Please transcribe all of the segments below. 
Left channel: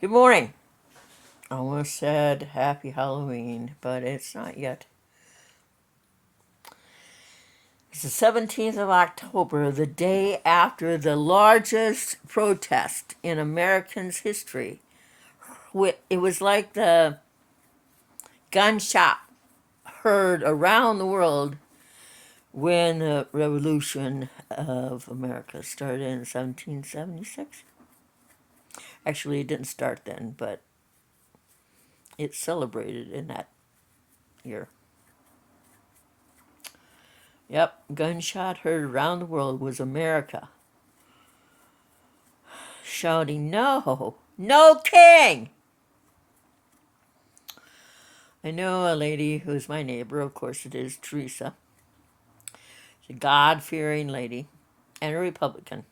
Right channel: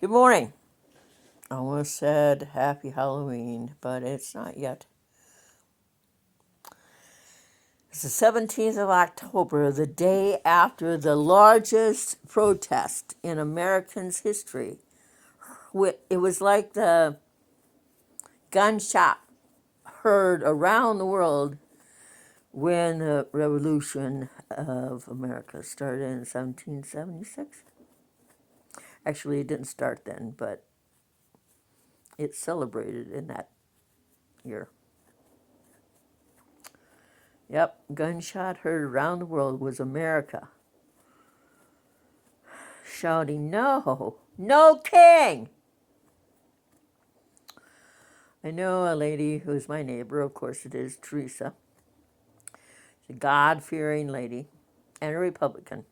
Good morning. I almost said happy Halloween, but it's not yet. It's the 17th of October, the day after the largest protest in Americans' history. It was like the gunshot heard around the world when the Revolution of America started in 1776. Actually, it didn't start then, but it's celebrated in that year. Yep, gunshot heard around the world was America shouting, "No, no king!" I know a lady who's my neighbor, of course it is, Teresa. She's a God-fearing lady and a Republican.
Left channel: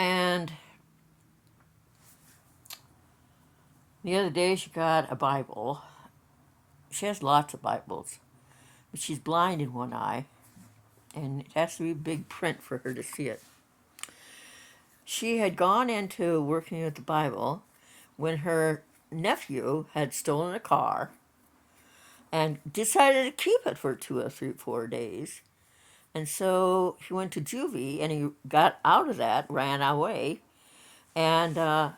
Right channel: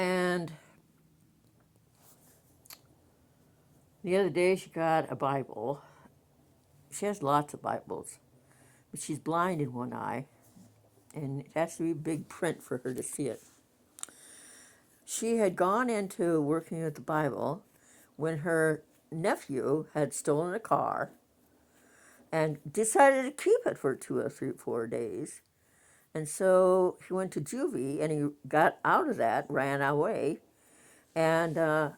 And the other day she got a Bible. She has lots of Bibles, but she's blind in one eye, and it has to be big print for her to see it. She had gone into working with the Bible when her nephew had stolen a car and decided to keep it for 2 or 3, 4 days. And so he went to juvie and he got out of that, ran away, and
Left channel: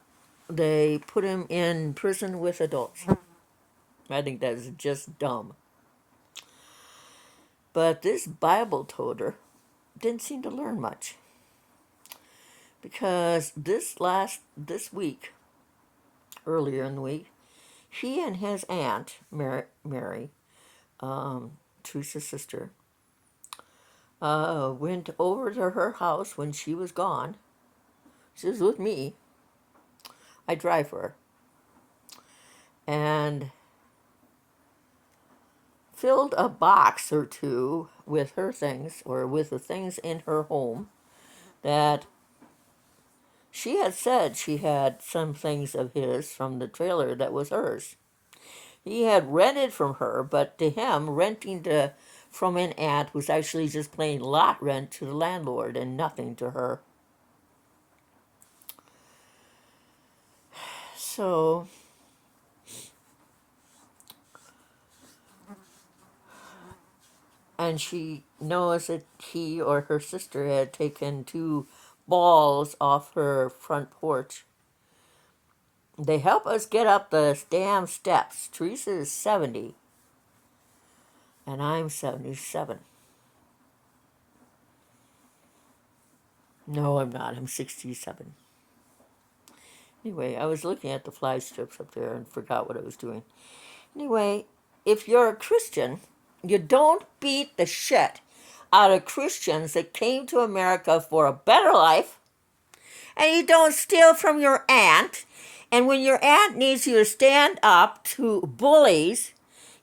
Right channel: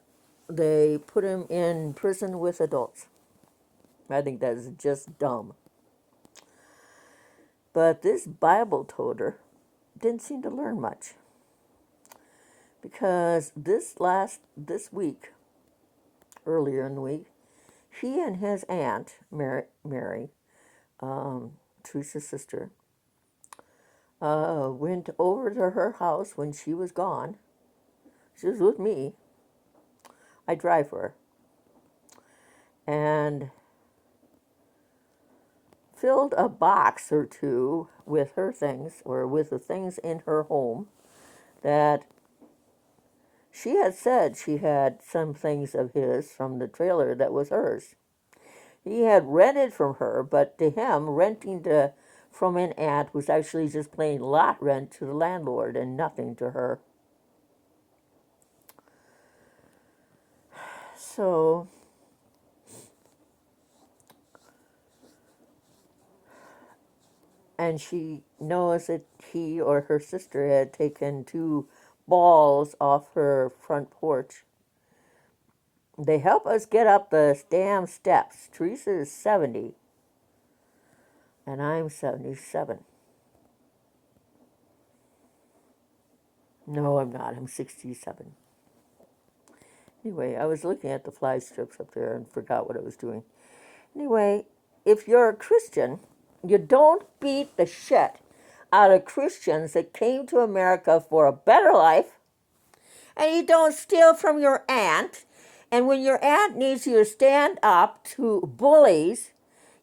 they put him in prison with adults. I think that is just dumb. But this Bible toter didn't seem to learn much, because this week, earlier in the week, he and his aunt Mary, Teresa's sister, went over to her house when she was gone. She was with me. I drive for her. And filled a box or two with her things, or with the things in her home that she had said she had some things of his from the trailer that was hers. He had rented from her, but to him, renting from an aunt was actually just plain lot rent to the landlord and nothing to her. So and she knows that he or her sister had taken 2 balls off her front porch. They help us get up the damn steps. Teresa is 70, and I'm 77. No, I'm not. I'm 67. Anyway, I was looking at the fly strips up there and forgot what I was doing. Anyway, if you're a Christian, you don't beat the shit out of Christians that came to America for a better life, and you don't steal from your aunt. And when your aunt needs you to stand up to bullies,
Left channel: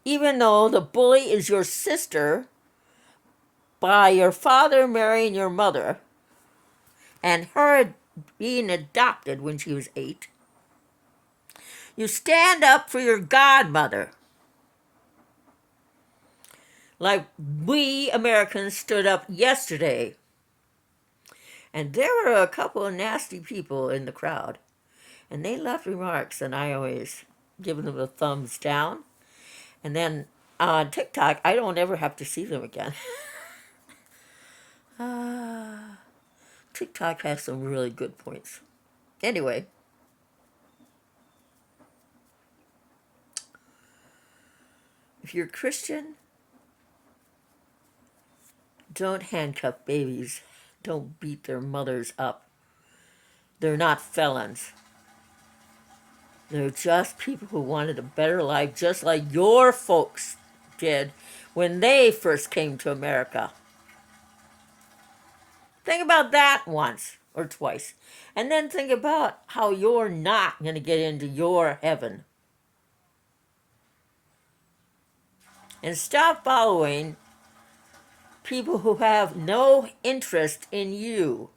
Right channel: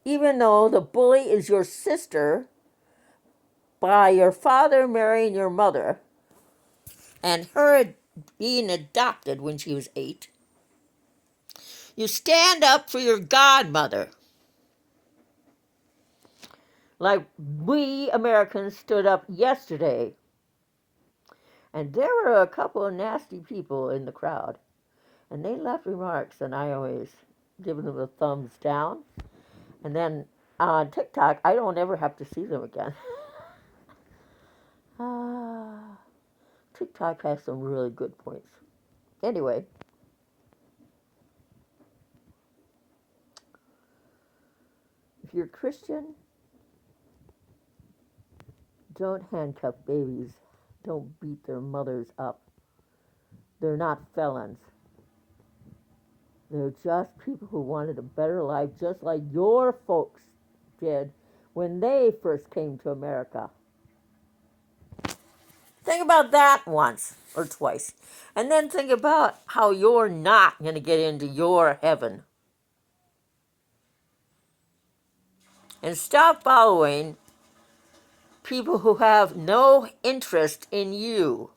even though the bully is your sister by your father marrying your mother, and her being adopted when she was 8, you stand up for your godmother. Like we Americans stood up yesterday. And there were a couple of nasty people in the crowd. And they left remarks, and I always give them a thumbs down. And then on TikTok, I don't ever have to see them again. TikTok has some really good points. Anyway, if you're a Christian, don't handcuff babies. Don't beat their mothers up. They're not felons. They're just people who wanted a better life, just like your folks did when they first came to America. Think about that once or twice. And then think about how you're not going to get into your heaven. And stop following people who have no interest in you.